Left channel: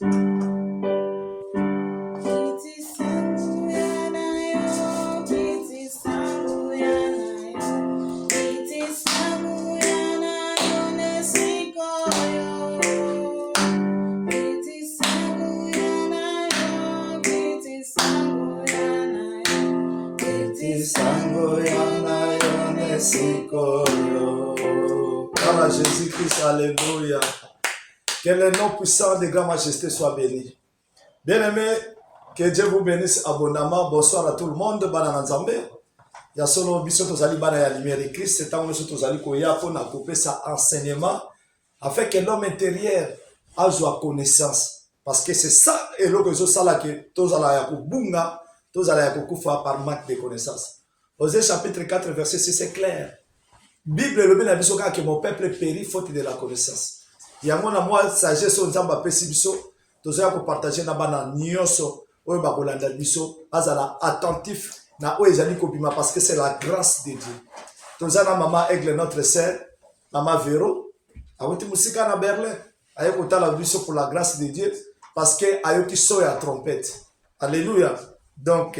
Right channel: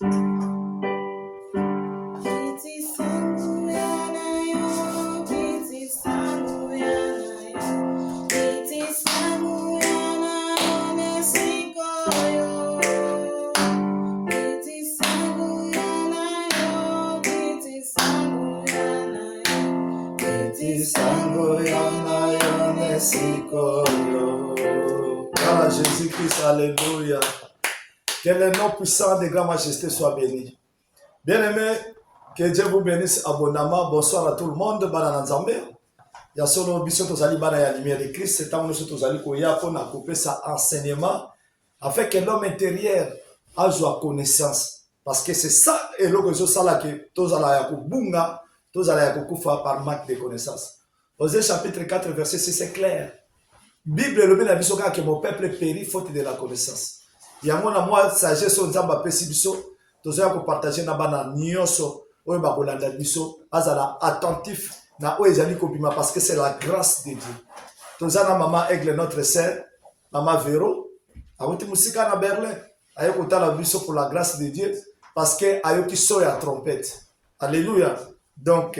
Jésus-Christ, alléluia. Que le nom puissant de Grand Majesté soit béni. Bien-aimés, que Dieu vous bénisse abondamment. Bonsoir à tout le monde. Bana Nzambe. Ya solo biso tozali bana ya lumière de Christ. C'est un moment tozali koya pour na couper ça enseignement afin que l'homme intérieur a joie connaissance. Parce que c'est ça et l'autre chose ça là que tozala ya kubunga, tozala ya kukufa par manque de connaissance. Osée chapitre 4 verset 6 c'est clair. Bible le bien biso que mon peuple périt faute de la connaissance. Ya mona moi sagesse nzamba pesi biso tozala ko partager na bana nyonso oyo ba kolanda biso azala attentif na oyo ezali kobima parce que c'est la grâce de Dieu. Tozala maman Aigle notre sœur, maman Véro, awuti musika na Berlin, ayo kotala biso pour la grâce de Dieu parce que ayo ki so ya trompette. Alléluia. Donc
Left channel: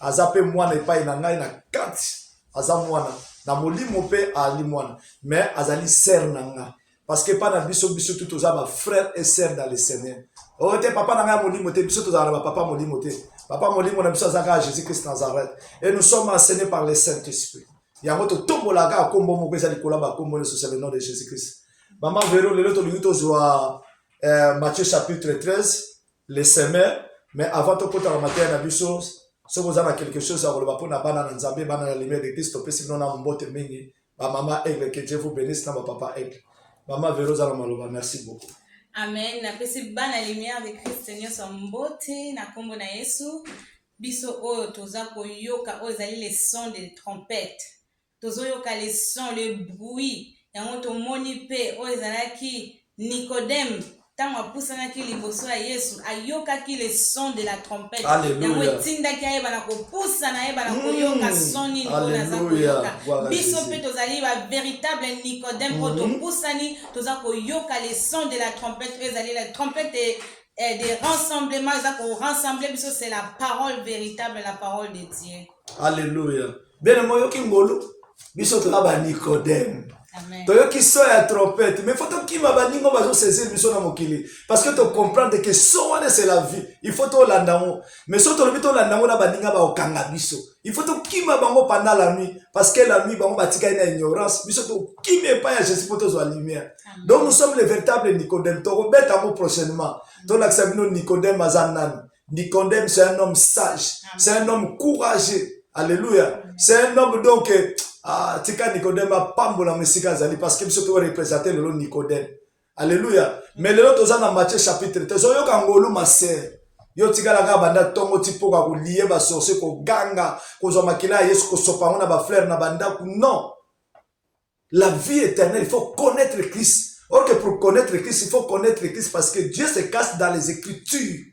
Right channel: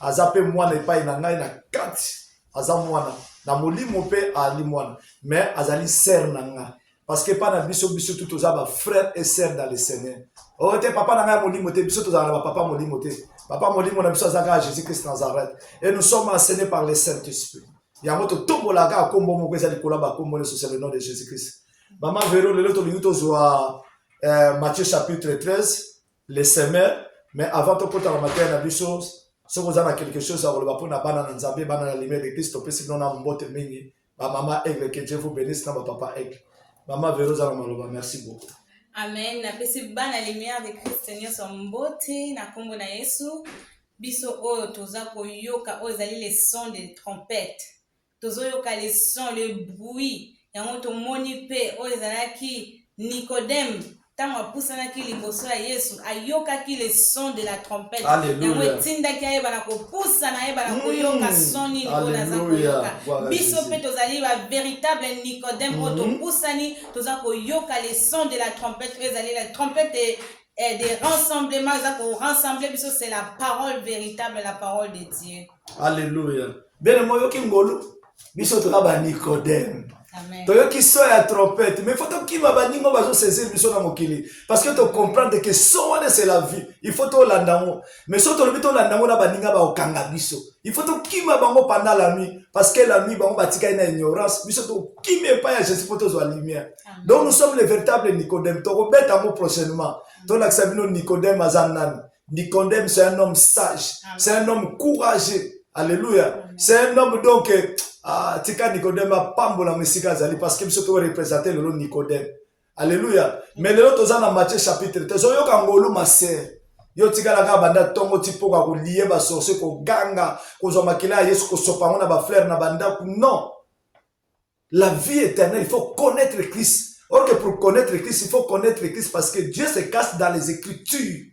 azape mwana epai na ngai na kati aza mwana na molimo pe ali mwana mais azali sœur na nga parce que pas na biso tout tozaba frère et sœur dans le Seigneur. Oh te papa na nga molimo te biso tozala ba papa molimo te. Papa molimo na biso azaka Jésus-Christ Nazareth et nous sommes enseignés par le Saint-Esprit. Yango to tombolaka kombo moko ezali kolaba kombo le sur le nom de Jésus-Christ. Maman Véro le to luto zoa Matthieu chapitre 13 les semeurs mais avant de porter en matière d'abussion, si vous avez quelque chose à vous dire, pour na Nzambe, bana la lumière de Christ, si vous avez un bon témoignage, maman Aigle, que Dieu vous bénisse, na papa Aigle. Maman Véro Zalamaloba, merci beaucoup. Amen. Na pesi bana lumière de Christ, Seigneur son mbote, na kombo na Yesu, biso oyo toza koyoka ozali les sons de trompette. Tozo yoka les sons, les bruits. Yango to moni pe ozalaki Nicodème. Tango pusana ki liboso ya Yesu ayoka ki le son de la trompette. Yango etinda ki ayeba na kopusana ayeba na koyoka soni na za koyoka. Biso pe tozali ba véritable Nicodème oto pusani toza koyoka le son de la trompette. Ezali la trompette des rassemblements za ko rassembler biso c'est la parole véritable, la parole de Dieu. Alléluia. Bien mo yoki ngolo biso toza ba Nicodème. Toyo qui so ya trompette mais faut que ma baningo bazo saisir biso na mokili parce que tu comprendre que son c'est la vie il faut to landango mais so to lobito landango na baninga ba okanga biso il faut to kima bango pendant la nuit parce que la nuit bango batika na ignorance biso to kime pas ya Jésus pour to zo lumière. Donc nous sommes les véritables Nicodème to robeta mo prochainement ton acceptino Nicodème azanan. Nicodème c'est un homme sage. Amen. C'est un homme courageux. Alléluia. Amen. C'est un homme donc tika Nicodème a pambola mesika zali parce que biso to représenter le Nicodème. Alléluia. Mais le autre dans Matthieu chapitre 13 yo kangolo maser. Yo tika la banda tongo tipoka ko lié ba sorcier ko ganga ko zo makila Yesu ko sopango na ba frère na banda non. La vie éternelle, il faut connaître Christ. Or que pour connaître Christ, il faut connaître Christ parce que Dieu se cache dans les Écritures.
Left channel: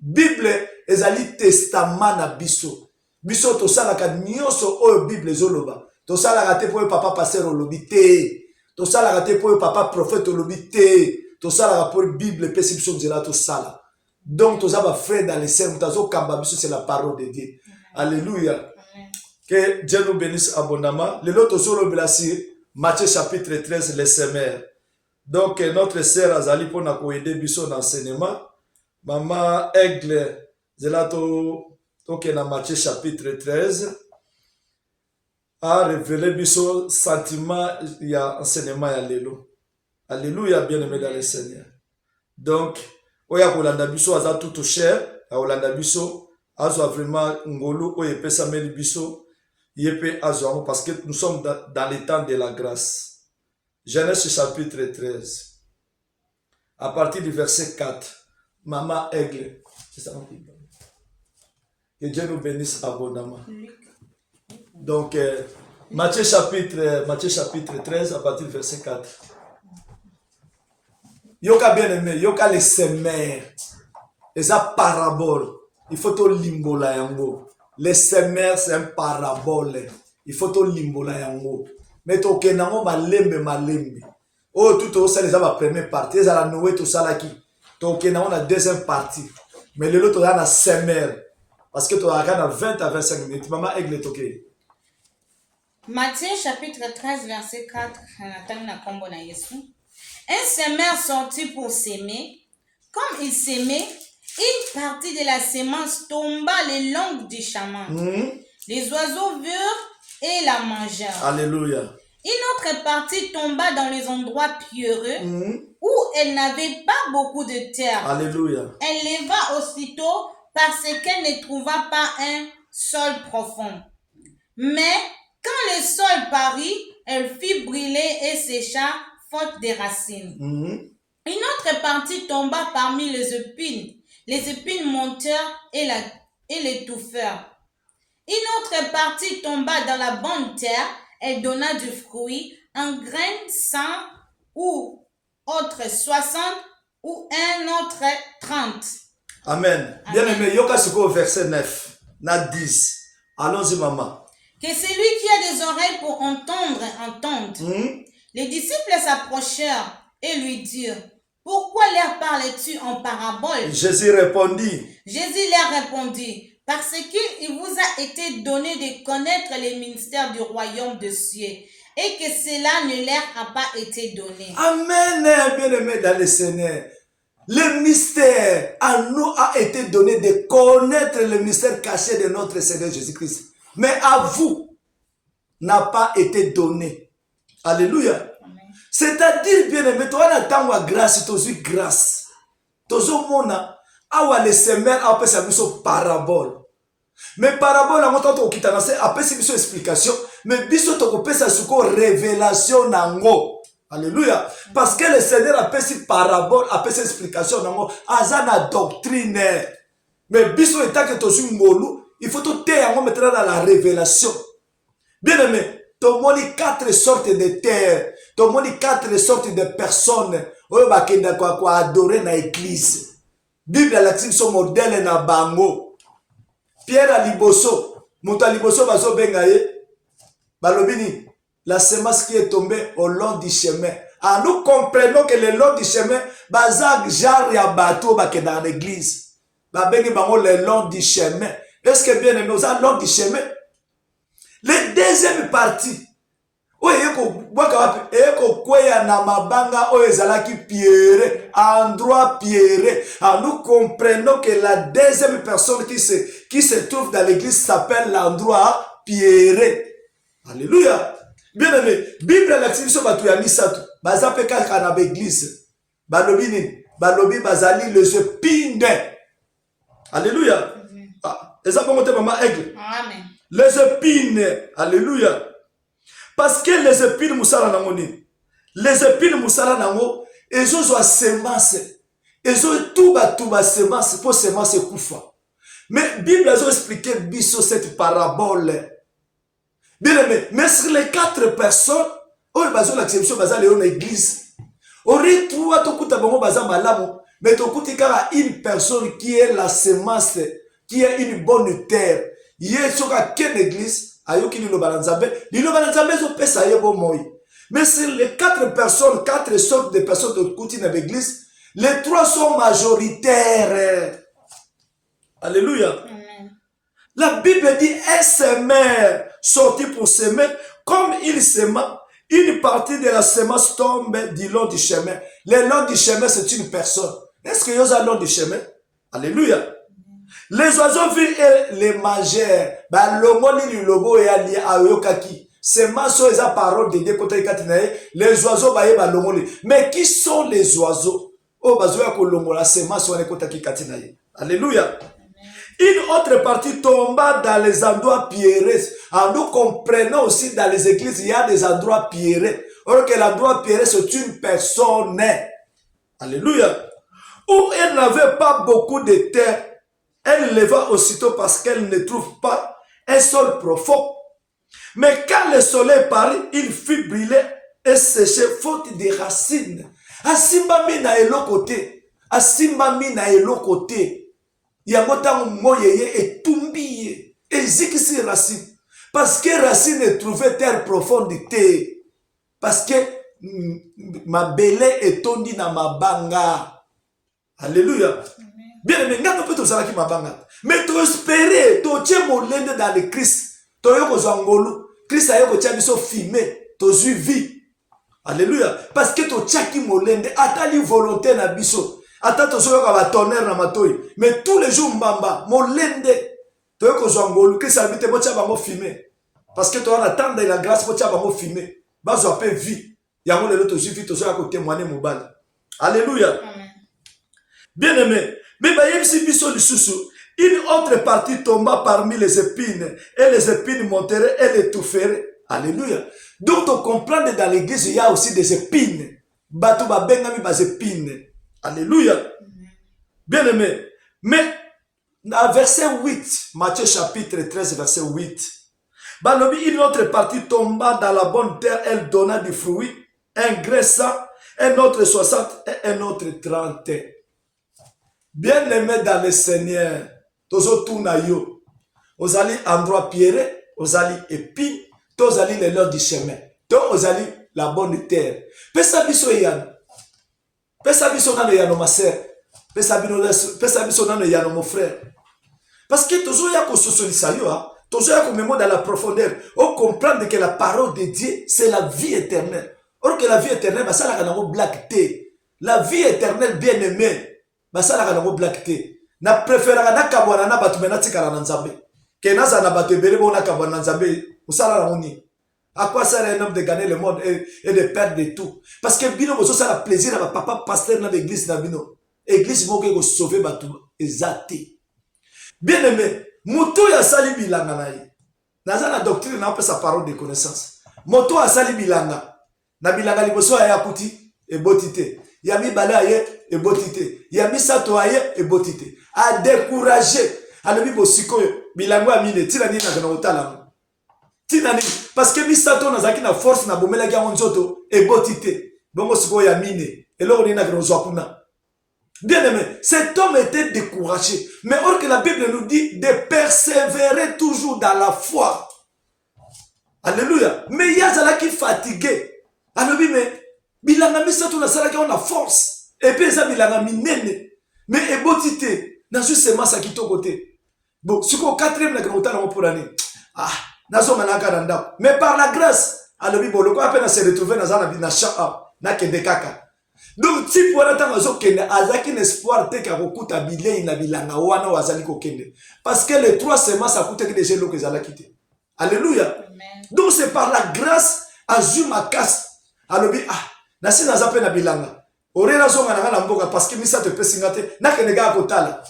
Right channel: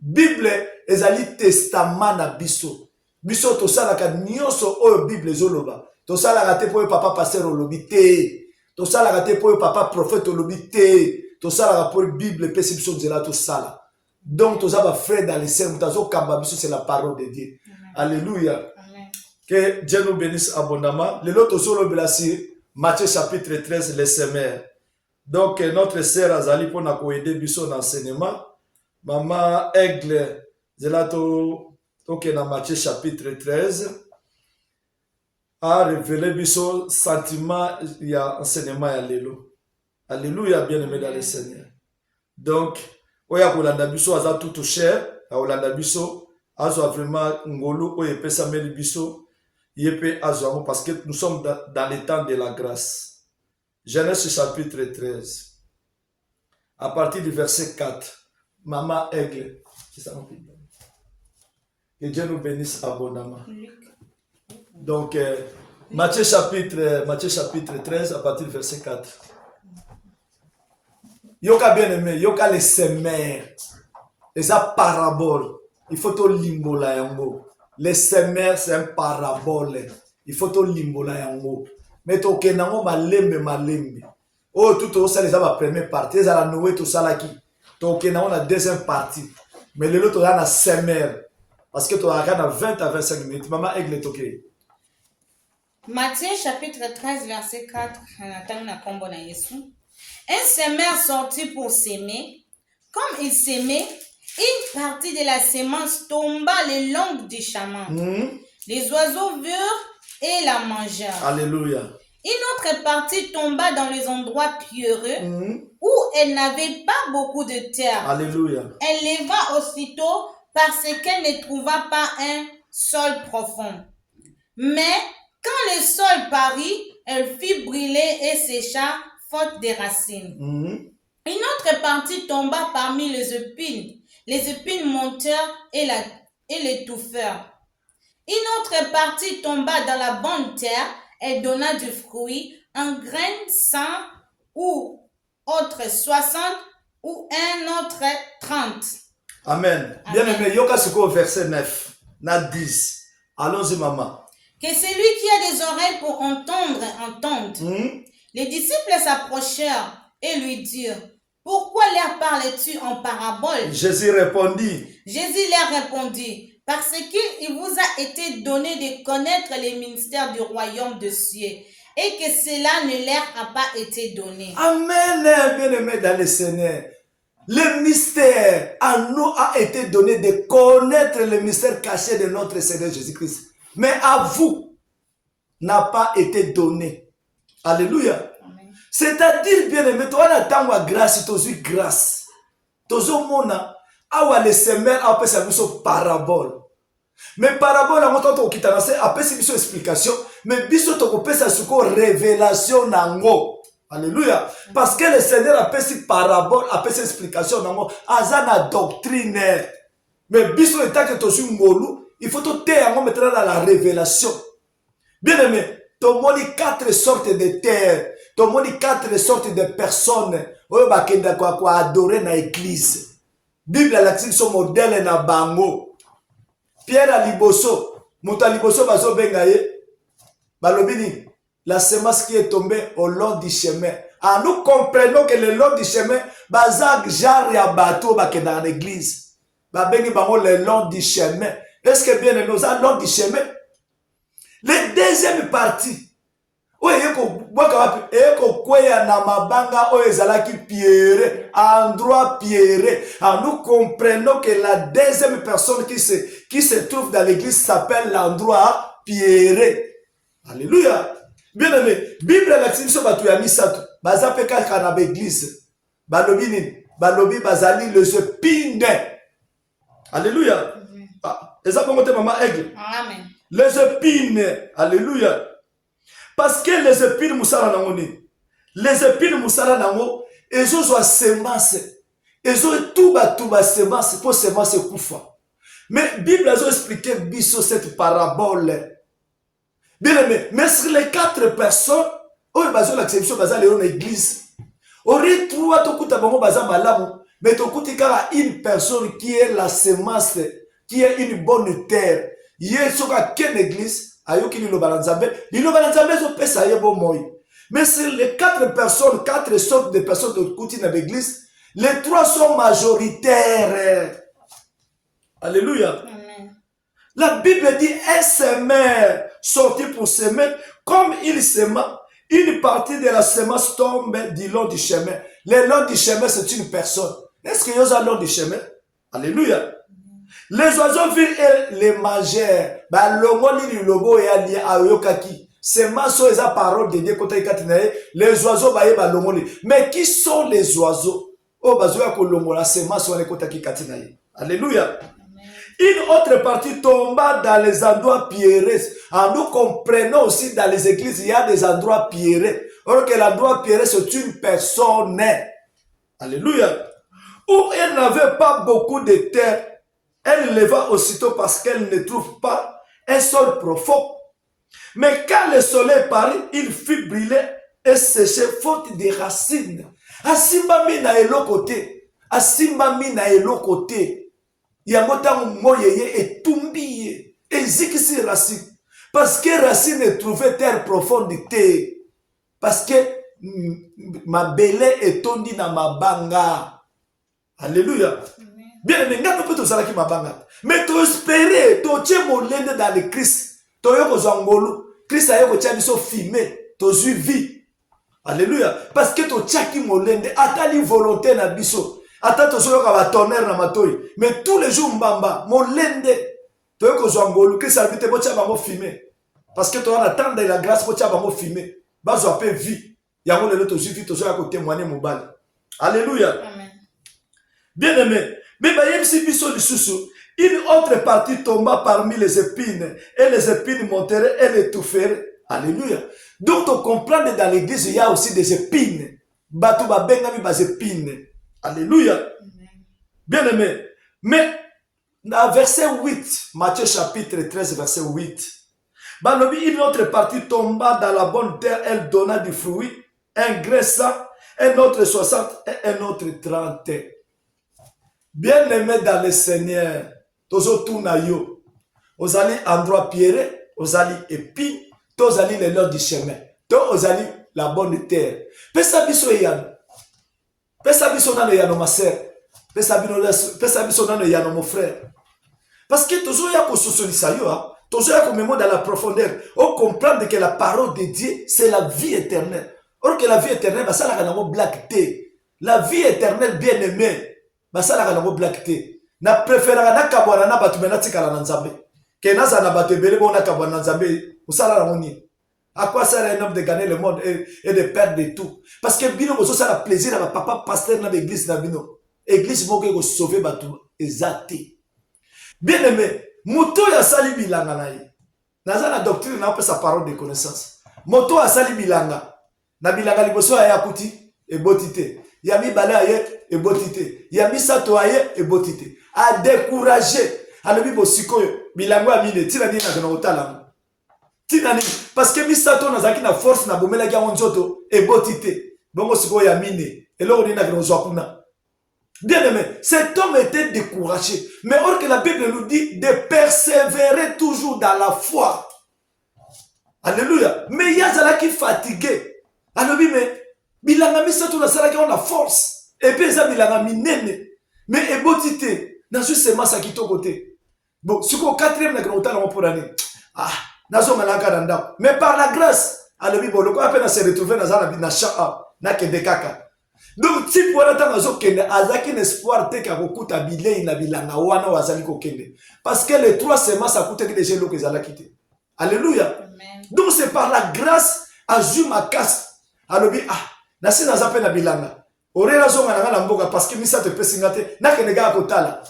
Bible ezali testament na biso. Biso to sala ka nyonso oyo Bible zoloba. To sala ka te po papa pasteur olobi te. To sala ka te po papa prophète olobi te. To sala ka po Bible pesi biso nzela to sala. Donc to zaba frère dans les sermons, tazo kamba biso c'est la parole de Dieu. Amen. Alléluia. Amen. Que Dieu nous bénisse abondamment. Le lot to solo blasi Matthieu chapitre 13 les semeurs. Donc notre sœur Azali pour na ko aider biso dans l'enseignement. Maman Aigle zelato donc dans Matthieu chapitre 13 a révélé biso sentiment il y a enseignement ya lelo. Alléluia bien-aimé dans le Seigneur. Donc oya kolanda biso aza tout cher, a kolanda biso azo vraiment ngolo oye pesa meli biso yepe azo parce que nous sommes dans le temps de la grâce. Genèse chapitre 13 à partir du verset 4. Maman Aigle, c'est ça mon Bible. Que Dieu nous bénisse abondamment. Donc, Matthieu chapitre 13, à partir du verset 4. Yoka bien aimé, yoka les semeurs. Les paraboles. Il faut tout limbola yango. Les semeurs, c'est un parabole. Il faut tout limbola yango. Mais to kenango malembe. Oh, tout ça, les a ma première partie. Les a la noué tout ça là qui. Donc, on a la deuxième partie. Mais le lot, on a la semaine. Parce que tu as 20 à 25 minutes. Maman, aigle toqué. Matthieu chapitre 13, verset 4. Un semeur sortit pour s'aimer. Comme il s'aimait, une partie de la semence tomba le long du chemin. Les oiseaux virent et la mangèrent. Alléluia. Une autre partie tomba dans les endroits pierreux où elle n'avait pas beaucoup de terre. Alléluia. Elle leva aussitôt parce qu'elle ne trouva pas un sol profond. Mais quand le sol parut, elle fit brûler et sécha faute des racines. Une autre partie tomba parmi les épines. Les épines montèrent et l'étouffèrent. Une autre partie tomba dans la bonne terre. Elle donna du fruit, un grain 100 ou autre 60 ou un autre 30. Amen. Bien aimé, yoka suko verset 9, na 10. Allons-y, maman. Que celui qui a des oreilles pour entendre, entende. Les disciples s'approchèrent et lui dirent, pourquoi leur parles-tu en parabole? Jésus répondit. Jésus leur répondit, parce qu'il vous a été donné de connaître les ministères du royaume de cieux et que cela ne leur a pas été donné. Amen, bien-aimé dans le Seigneur. Le mystère à nous a été donné de connaître le mystère caché de notre Seigneur Jésus-Christ. Mais à vous, n'a pas été donné. Alléluia. C'est-à-dire, bien-aimé, toi, on attend la grâce, tu as eu grâce. Tu as eu mona, awa le semaine, après ça, biso parabole. Mais parabole, on entend qu'il t'a lancé, après c'est biso explication, mais biso tu peux ça sur révélation nango. Alléluia. Parce que le Seigneur a fait parabole, a fait explication nango, azana doctrine. Mais biso étant que tu as eu ngolu, il faut te taire maintenant dans la révélation. Bien-aimé, tu as 4 sortes de terres. Tu as 4 sortes de personnes qui adorer dans l'église. Bible a son modèle na bango. Pierre a liboso. Mouta liboso baso bengaye. Balobini. La semence qui est tombée au long du chemin. Ah, nous comprenons que le long du chemin, bazak genre ya bateau dans l'église. Babeni bango le long du chemin. Est-ce que bien nous avons le long du chemin? La deuxième partie. Endroit pierré. Nous comprenons que la deuxième personne qui se trouve dans l'église s'appelle l'endroit pierré. Alléluia. Bien aimé, Bible l'activité batu ya misato. Baza peka kana l'église. Balobi ni, balobi bazali les épines. Alléluia. Et ça peut monter maman aigle. Amen. Les épines. Alléluia. Parce que les épines moussala namoni. Les épines moussala namo, ils ont semence. Ils ont tout semence pour semence koufa. Mais Bible a expliqué biso cette parabole. Bien aimé, mais sur les 4 personnes, oh bazo l'acception baza léon église. Ori trois tokuta bango baza malamu, mais tokuti kara une personne qui est la semence, qui est une bonne terre. Yé soka quelle église? Ayoki lilo balanzambe zo pesa ye bon moi. Mais sur les 4 personnes, 4 sortes de personnes de kuti dans l'église, les 3 sont majoritaires. Alléluia. Amen. La Bible dit un semeur sorti pour semer, comme il sema, une partie de la semence tombe du long du chemin. Le long du chemin, c'est une personne. Est-ce qu'il y a un long du chemin? Alléluia. Les oiseaux virent et les mangèrent. Les oiseaux, mais qui sont les oiseaux? Alléluia. Une autre partie tomba dans les endroits pierreux. Nous comprenons aussi dans les églises, il y a des endroits pierreux. Or que l'endroit pierreux, c'est une personne. Alléluia. Où elle n'avait pas beaucoup de terre, elle leva aussitôt parce qu'elle ne trouve pas un sol profond. Mais quand le soleil parut, il fut brûlé et séché faute de racines. Asimba mina elokote. Asimba mina elokote. Yamota moyeye et tumbiye. Et zikisi racine. Parce que racine ne trouvait terre profondité. Parce que ma belé est tondie dans ma banga. Alléluia. Bien aimé, nous peut tout qui m'a mais tu espérer, tu tiens mon lende dans le Christ. Tu as eu zangolu. Christ a eu un biso filmé. Tu as eu vie. Alléluia. Parce que tu tiens qui mon lende. Attends volonté na biso. Attends tu sois comme tonnerre na matoi. Mais tous les jours mbamba, mon lende. Tu as eu zangolu. Christ a habité mon tia bango filmé. Parce que tu as attendre la grâce pour tia bango filmé. Bazo appelle vie. Yango le tu vie tu sois à témoigner mon bal. Alléluia. Amen. Bien aimé. Mais une autre partie tomba parmi les épines, et les épines monteraient et les toufferaient. Alléluia. Donc, on comprend que dans l'église, il y a aussi des épines. Batouba bengami bas épines. Alléluia. Bien aimé. Mais, dans verset 8, Matthieu chapitre 13, verset 8, une autre partie tomba dans la bonne terre, elle donna du fruit, un graissant, un autre 60 et un autre 30. Bien aimé dans le Seigneur, tozo tuna yo, ozali endroit pierré, ozali épine, tozali le long du chemin, to ozali la bonne terre. Pesa biso yano, pesa biso nano yano ma sœur, pesa biso nano yano mon frère. Parce que tozo ya ko sosolisa yo, tozo ya ko memo dans la profondeur, on comprend que la parole de Dieu c'est la vie éternelle. Or que la vie éternelle, ça la kanango black té. La vie éternelle bien aimée. Basala kanango black té. Na préférera na kabwana na batu mena tikala na nzambe. Ke naza na batu ebele bona kabwana na nzambe. Usala na moni. À quoi sert un homme de gagner le monde et de perdre tout? Parce que bino bozo ça la plaisir à papa pasteur na l'église na bino. Église moko ko sauver batu ezate. Bien aimé, moto ya sali bilanga na ye. Naza na doctrine na sa parole de connaissance. Moto ya sali bilanga. Na bilanga liboso ya kuti e botité. Yami bala aye et botité. Yami sato aye et botité. A décourager. Alobi bosiko bilango amine tina ni na otala. Tina ni parce que mi sato na zaki na force na bomela ya monzoto et botité. Bongo siko yamine. Et là on est na kuna. Bien aimé, cet homme était découragé. Mais or que la Bible nous dit de persévérer toujours dans la foi. Alléluia. Mais il y a des qui fatigué. Alobi mais bilanga misato na salaki on a force et puis ça bilanga minene mais ebotité na justement ça qui to côté bon suko 4e na grand temps pour l'année nazo manaka na ndako mais par la grâce alobi boloko apena se retrouver na zala na sha na kende kaka donc type voilà ta mazo kende azaki l'espoir te ka kokuta bilei na bilanga wana wazali ko kende parce que les 3 semaines ça coûte que déjà l'eau que zala quitter. Alléluia. Donc c'est par la grâce azuma casse alobi nasi naza pe na bilanga orela zonga na mboka parce que misa te pesinga te na kenega akotala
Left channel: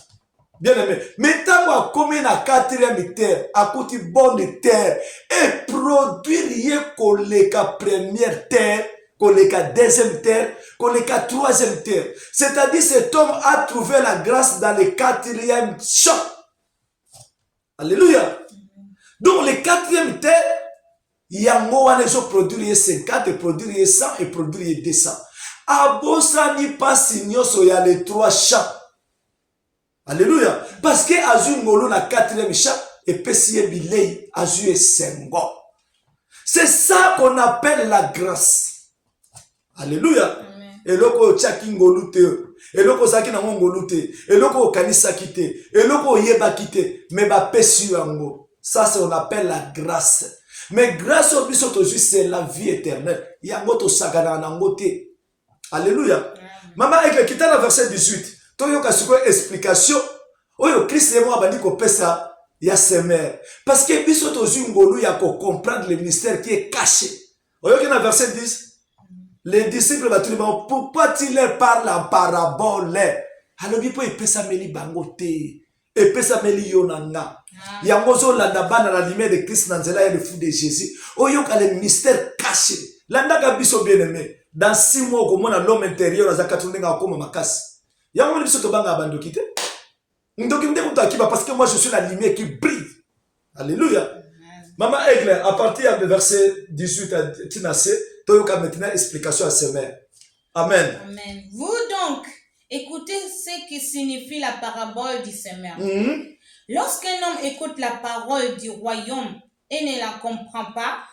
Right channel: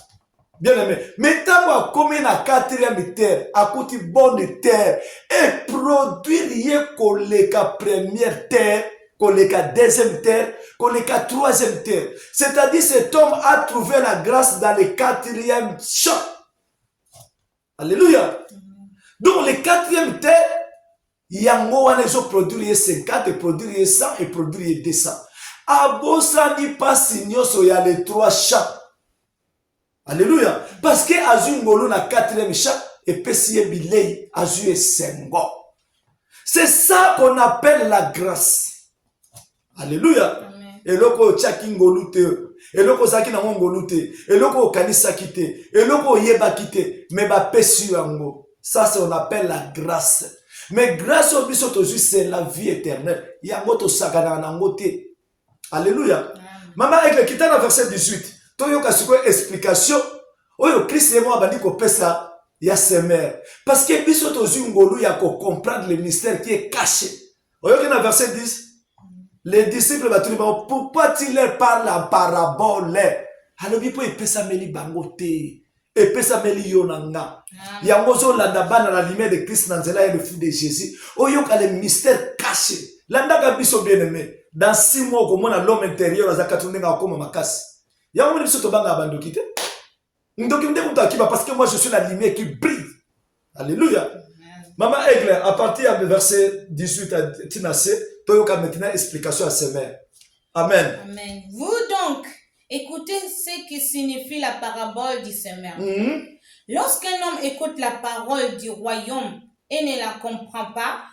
bien aimé mais tango akomi na 4e terre akuti bonne terre et produire ye koleka première terre koleka 2e terre koleka 3e terre, c'est-à-dire cet homme a trouvé la grâce dans le 4e champ. Alléluia. Donc le 4e terre yango wana ezo produire 50 et produire 100 et produire 200. Abosani pasi nyoso ya les 3 champs. Alléluia. Parce que azu ngolo na 4e champ et pesiye bilei azu esengo. C'est ça qu'on appelle la grâce. Alléluia. Et loko tchaki ngolu te. Et loko zaki na ngolu te. Et loko kanisa kite. Et loko yeba kite. Mais ba pesi yango. Ça c'est on appelle la grâce. Mais grâce au bisoto c'est la vie éternelle. Yango to sakana na ngote. Alléluia. Maman avec kita na verset 18. Toyoka siko explication. Oyo Christ et moi bandi ko pesa ya semer. Parce que bisoto ngolu ya ko comprendre le mystère qui est caché. Oyo na verset 10. Les disciples batuliment pourquoi tu leur parles en parabole? Alors il peut pesa meli bangote. Et pesa meli yonanga. Yangozo landa bana la lumière de Christ nanzela et le fou de Jésus. Oyo ka le mystère caché. Landa ka biso bien aimé. Dans 6 mois comme on a l'homme intérieur à zakatunenga comme makasi. Yango biso to banga bandokite. Ndoki ndeko takiba parce que moi je suis la lumière qui brille. Alléluia. Maman Aigle, à partir du verset 18 à Tinasé, Toyoka maintenant explication à ses mères. Amen. Amen. Vous donc, écoutez ce que signifie la parabole du semeur. Lorsqu'un homme écoute la parole du royaume et ne la comprend pas,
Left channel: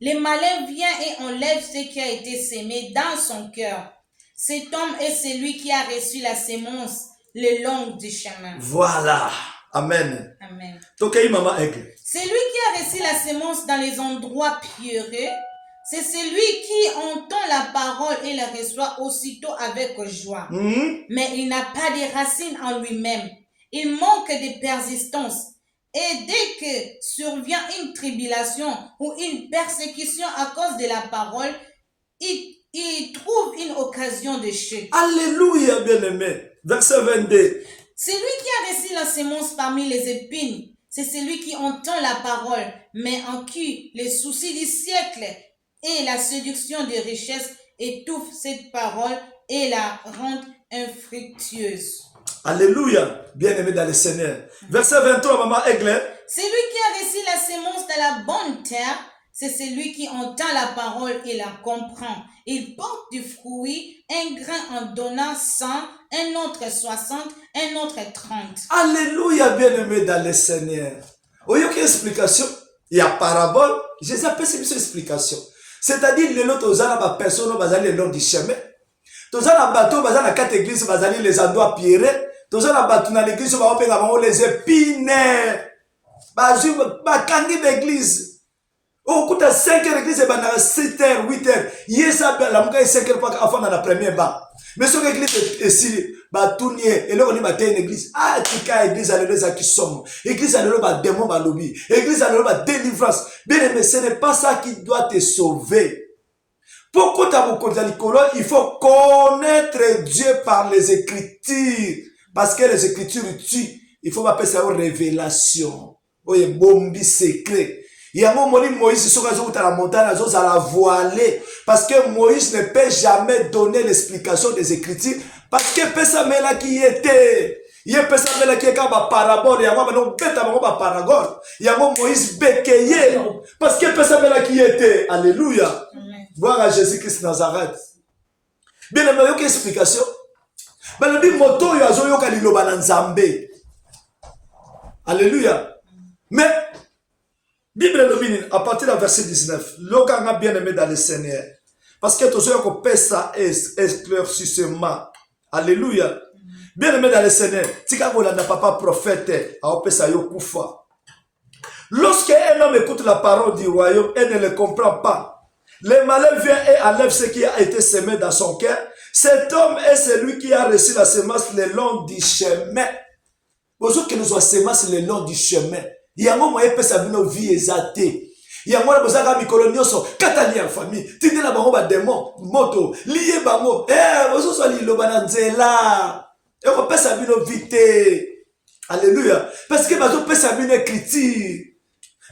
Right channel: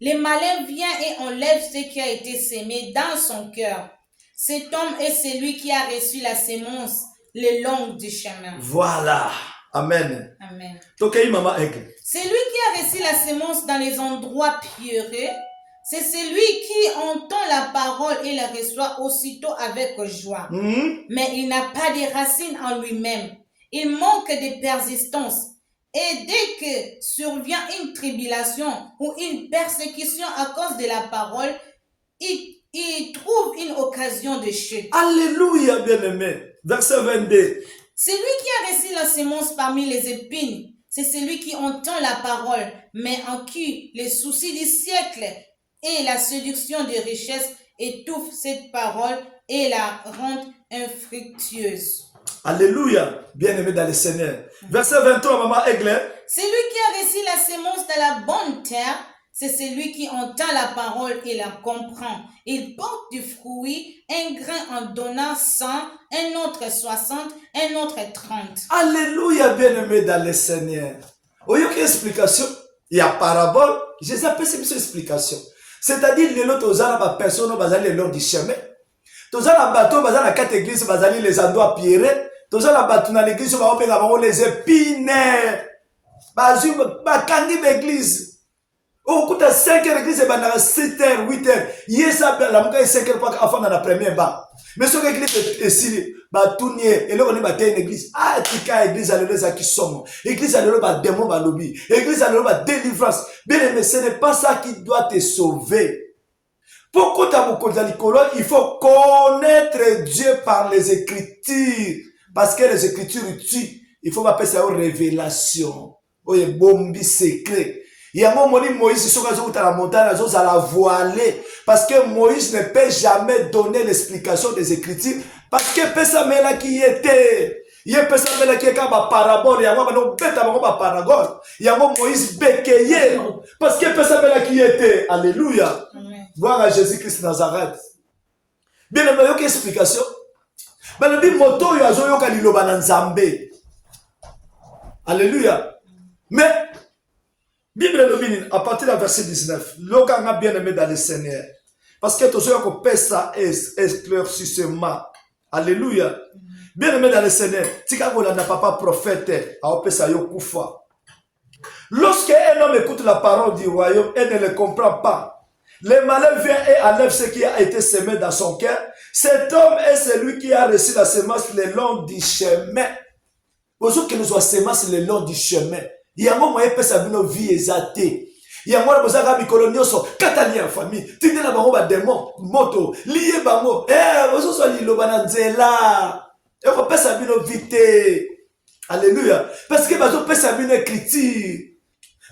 le malin vient et enlève ce qui a été semé dans son cœur. Cet homme est celui qui a reçu la sémence le long du chemin. Voilà. Amen. Amen. Maman Aigle. Celui qui a reçu la sémence dans les endroits pierreux, c'est celui qui entend la parole et la reçoit aussitôt avec joie. Mais il n'a pas de racines en lui-même. Il manque de persistance. Et dès que survient une tribulation ou une persécution à cause de la parole, il trouve une occasion de chute. Alléluia, bien-aimé. Verset 22. Celui qui a reçu la sémence parmi les épines, c'est celui qui entend la parole, mais en qui les soucis du siècle et la séduction des richesses étouffent cette parole et la rendent infructueuse. Alléluia, bien-aimé dans le Seigneur. Verset 23, maman Aigle. Celui qui a reçu la sémence dans la bonne terre, c'est celui qui entend la parole et la comprend. Il porte du fruit, un grain en donnant 100, un autre 60, un autre 30. Alléluia, bien-aimé dans le Seigneur. Il y a une explication. Il y a parabole. Jésus appelle cette explication. C'est-à-dire, les autres personnes qui sont le long du chemin. Tous les bateaux, dans la quatre églises, les endroits pierreux. Tous les bateaux dans l'église, les épines. Bakangi l'église. Au coup de 5 heures l'église, 7 heures, 8 heures. Hier, ça, la mouka est 5 heures avant dans la première bas. Mais sur l'église est ici, tourner, et là on est une église. Ah, tika église, alléluia, qui sommes. Église, alléluia, démon, lobby. Église, alléluia, délivrance. Bien aimé, ce n'est pas ça qui doit te sauver. Pourquoi il faut connaître Dieu par les Écritures. Parce que les Écritures tuent. Il faut m'appeler ça une révélation. Oui, bombi secret. Il y a un moment où Moïse sur la montagne, à la voiler. Parce que Moïse ne peut jamais donner l'explication des Écritures. Parce que Pessamela qui était. Il y a Pessamela qui est comme un parabole. Il y a un moment où parabole. Il y a un moment Moïse béquillé. Parce que Pessamela qui était. Alléluia. Voir à Jésus-Christ Nazareth. Bien, il y a une explication. Mais le dit moto yazoyo kaliloba na nzambe. Alléluia. Mais Bible domine à partir du verset 19. L'oka a bien aimé dans le Seigneur. Parce que tous ceux qui paient ça éclaircissement. Alléluia. Bien aimé dans le Seigneur. Tika kolanda papa prophète a opesa yo kufa. Lorsque un homme écoute la parole du royaume et ne le comprend pas, le malin vient et enlève ce qui a été semé dans son cœur. Cet homme est celui qui a reçu la semence le long du chemin. Bonjour que nous soyons semence le long du chemin. Il y a un moment où il peut s'abîmer vie exaltée. Il y a un moment où il y a un colonioso, katali en famille. Tine la bango ba démon, moto, lié bango. Bonjour soit li lobananzela. Et on peut s'abîmer vite. Alléluia. Parce que bazo peut s'abîmer écriture.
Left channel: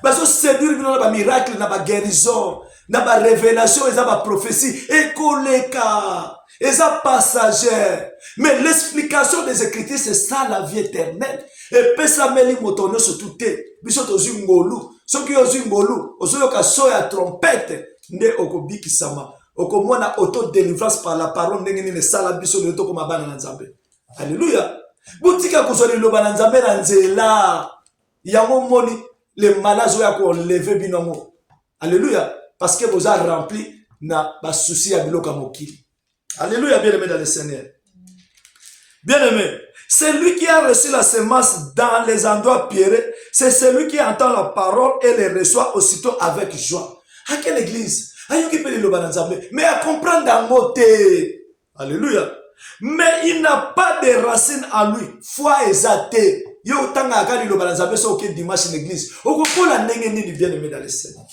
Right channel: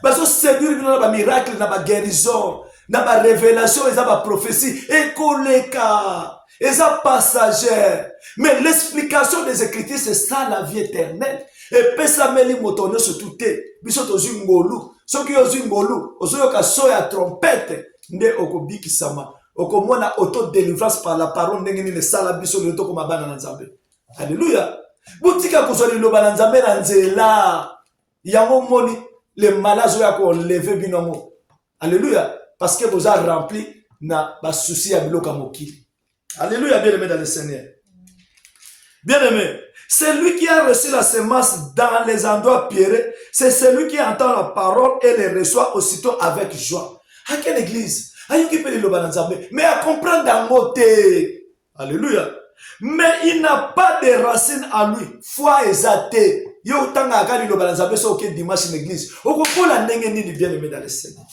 Bazo séduire dans ba miracle, dans ba guérison. Dans la révélation, ils ont la prophétie, et koleka, ils ont passager. Mais l'explication des Écritures, c'est ça la vie éternelle. Et pesameli motono se touté. Bisot aux ngolu. Ceux qui ont ngolu, aux oyoka soya trompette, ne okobiki sama. Okomona auto-délivrance par la parole, n'engeni le sala bisot le toko mabana nanzambe. Alléluia. Boutika kozoli loba nanzambe nanzela. Yango moni, les malades oya ko lever binomo. Alléluia. Parce que vous avez rempli na ba souci à biloka mokili. Alléluia, bien-aimé dans le Seigneur. Bien-aimé, celui qui a reçu la semence dans les endroits pierreux, c'est celui qui entend la parole et les reçoit aussitôt avec joie. À quelle église? Mais à comprendre dans côté. Alléluia. Mais il n'a pas de racines en lui. Foi exaltée. Yo tanga akali lo banzambe so ke dimanche en église. Okopola ndenge ni bien-aimé dans le Seigneur.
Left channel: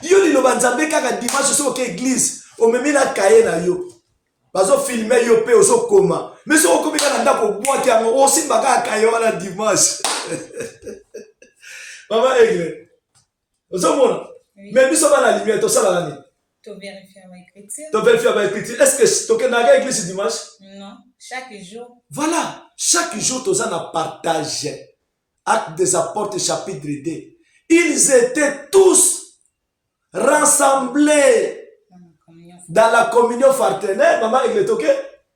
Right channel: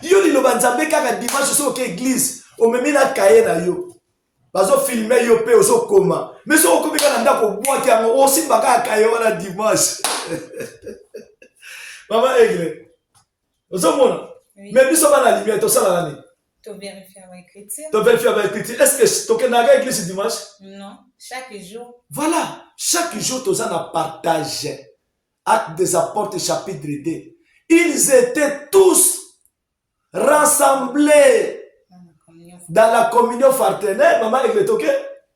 Yo li lo banzambe kaka dimanche so ke église. Omemi na kaye na yo. Bazo filmer yo pe ozo koma. Mais so okomika na ndako bwa ki yango osi baka kaye wana dimanche. Maman église. Ozo mona. Mais biso ba la lumière to sala nani. Tu vérifies avec l'écriture. Tu vérifies avec l'écriture. Est-ce que tu as l'église dimanche? Non, chaque jour. Voilà, chaque jour tu as partagé. Actes des apôtres chapitre 2. Ils étaient tous rassemblés dans la communion fraternelle. Maman, il est ok?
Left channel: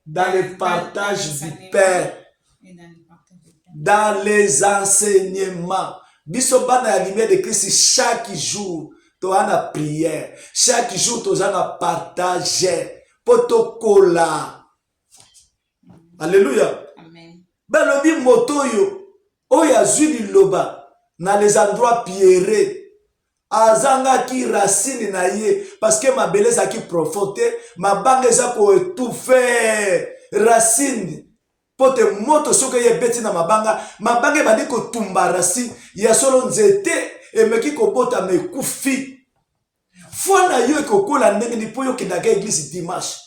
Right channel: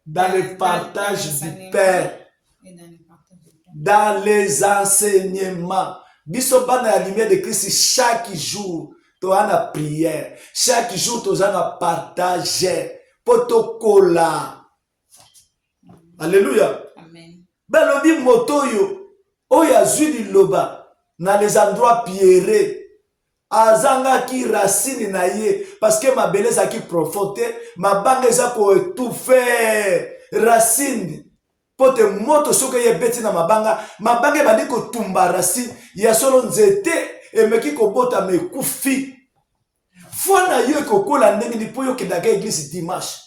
Dans le partage du Père. Dans les enseignements. Biso bana la lumière de Christ chaque jour. Tu as la prière. Chaque jour, tu as partagé. potokola. Alléluia. Amen. Balobi motoyo oyo azwi liloba na les endroits pierreux. Azanga ki racine na ye parce que ma beleza ki profonde mabanga eza ko étouffer racine pote moto soki ye beti na mabanga bandi ko tumba racine ya solo nzete emeki ko bota mekufi foi na yo ekokola ndenge ni po yo kendaka église dimanche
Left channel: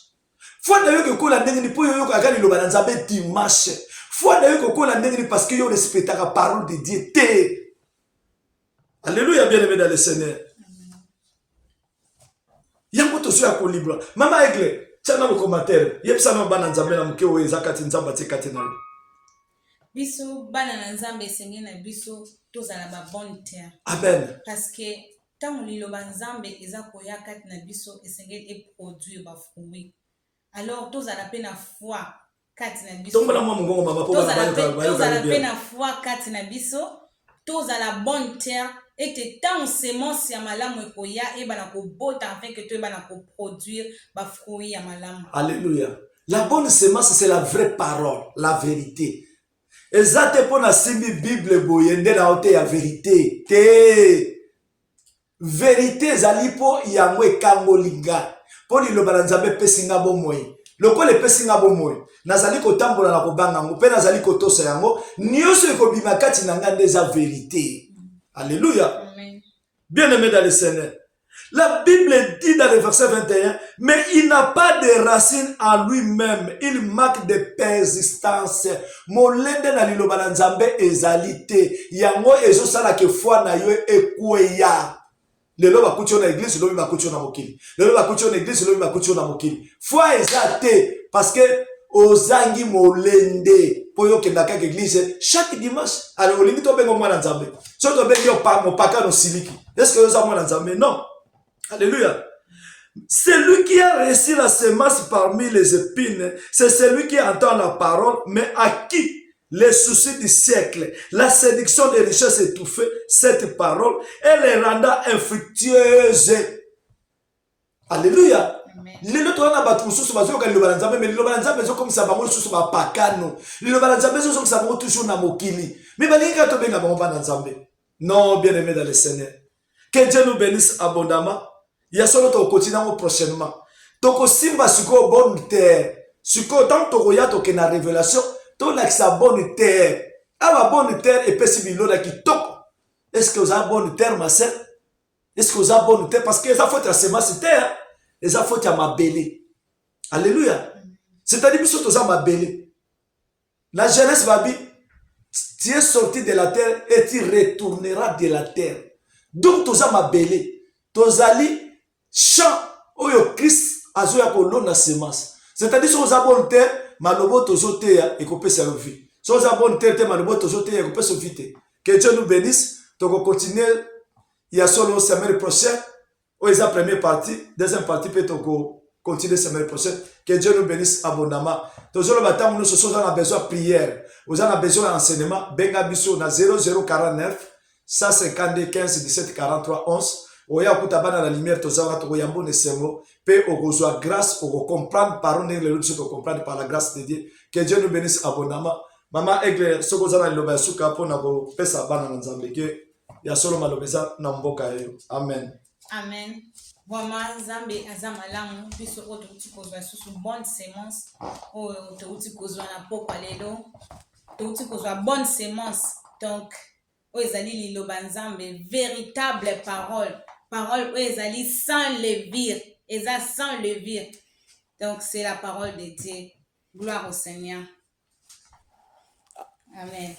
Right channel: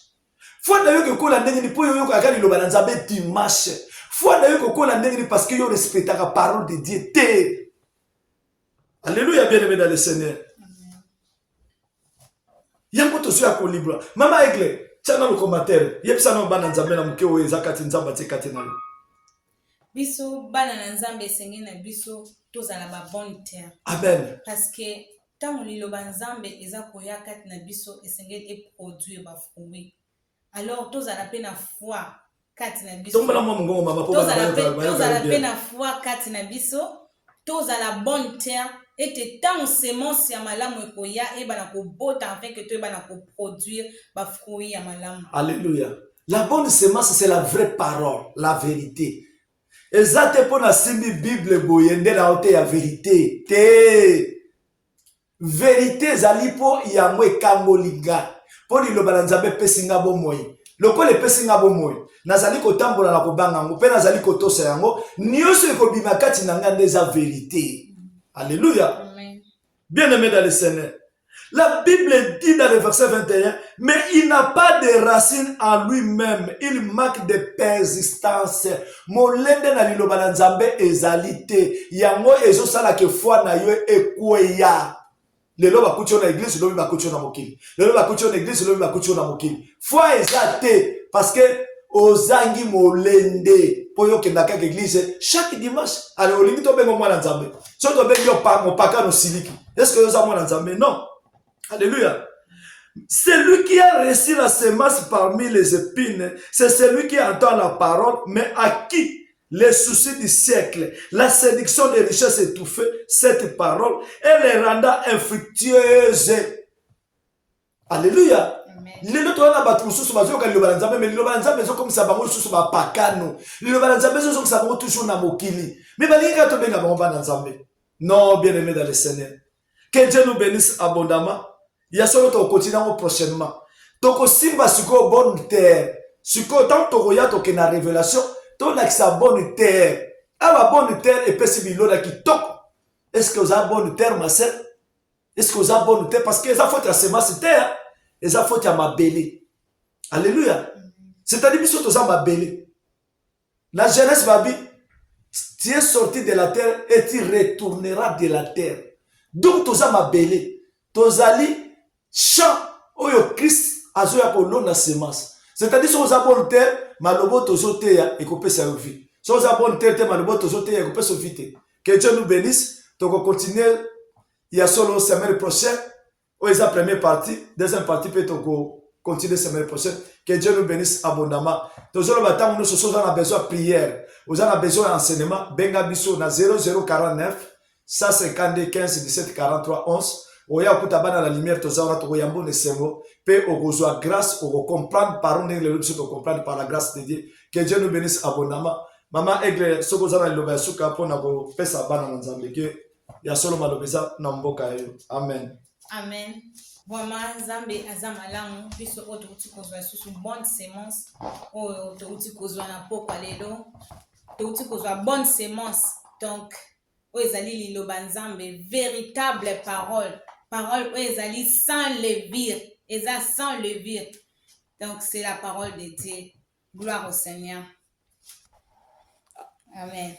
foi na yo ekokola ndenge ni po yo yokaka liloba na Nzambe dimanche foi na yo ekokola ndenge ni parce que yo respectaka parole de Dieu te. Alléluia, bien-aimé dans le Seigneur. Yango to so ya ko libre. Mama Egle, tchana le commentaire. Yebisa no bana Nzambe na muke oyo ezakati Nzamba te kati na. Biso bana na Nzambe sengi na biso tozala ba bonne terre. Amen. Parce que tant liloba Nzambe eza koya kati na biso esengeli e produire ba fruits. Alors tozala pe na foi kati na biso. Tozala mo ngongo mama po bana ba yo tozala pe na foi kati na biso. Tozala bonne terre. Et tant semence ya malamu ekoya e bana ko bota afin que tu bana ko produire ba fruits ya malamu. Alléluia. La bonne semence c'est la vraie parole, la vérité. Ezate pona simbi Bible boyende na ote ya vérité. Te vérité ezali po yango ekangolinga. Po liloba na Nzambe pesinga bomoi. Loko le pesinga bomoi. Nazali kotambola na kobanga ngo pe nazali kotosa yango nyonso ekobima kati na ngande za vérité. Alléluia. Amen. Bien-aimé dans le Seigneur. La Bible dit dans le verset 21, mais il n'a pas de racines en lui-même. Il manque de persistance. Molende na liloba na Nzambe ezalite. Yango ezo sala ke foi na yo ekweya. Lelo bakuti na église, lelo bakuti na mokili. Lelo bakuti na église, lelo bakuti na mokili. Foi ezate parce que ozangi molende poyo kendaka église chaque dimanche. Alors olingi to bengo mwana Nzambe. So to bengo mopaka no siliki. Est-ce que oza mwana Nzambe? Non. Alléluia. Celui qui a reçu la semence parmi les épines, c'est celui qui entend la parole, mais à qui les soucis du siècle, la séduction des richesses étouffées, cette parole, elle les rendra infructueuse. Alléluia. Lelo to na batu susu bazoka liloba na Nzambe mais liloba na Nzambe zo komisa bango susu ba pakano liloba na Nzambe zo komisa bango toujours na mokili mais balinga to benga bango na Nzambe. Non, bien-aimé dans le Seigneur, que Dieu nous bénisse abondamment. Il y a solo to continuer prochainement toko simba siko bonne terre siko tant to ya to ke na révélation to la sa bonne terre aba bonne terre et pesi biloda ki toko. Est-ce que vous avez bonne terre ma sœur? Est-ce que vous avez bonne terre parce que ça faut ta semence terre. Et ça faut à ma belle. Alléluia. C'est-à-dire que tu as ma belle. La Genèse va dire, tu es sorti de la terre et tu retourneras de la terre. Donc tu as ma belle. Tu as dit, champ, où Christ a joué pour l'eau na semence. C'est-à-dire que tu as bonne terre, malobo tu as et coupé sa vie. Si tu as bonne terre, malobo tu as et coupé sa vie. Que Dieu nous bénisse. Tu vas continuer. Il y a solo semaine prochaine. Oui, c'est la première partie. Deuxième partie, peut-être continuer la semaine prochaine. Que Dieu nous bénisse abondamment. Toujours le bâtiment, nous sommes en besoin de prière. Vous avez besoin d'enseignement. Benga biso na 0049 152 15 17 43 11. Oya kutabana la lumière, tozawa to yambo ne semo. Pe ogozoa grâce, o comprendre par les leçons de comprendre par la grâce de Dieu. Que Dieu nous bénisse abondamment. Maman Egle, sokozana iloba suka pona ko pesa bana nzambe ke ya solo malobeza na mboka yo. Amen. Amen. Vraiment, Nzambe azama lamu biso oto uti kozwa susu bonne semence oto uti kozwa na poko lelo to uti kozwa bonne semence donc ezali liloba Nzambe véritable parole ezali sans levure eza sans levure donc c'est la parole de Dieu. Gloire au Seigneur. Amen.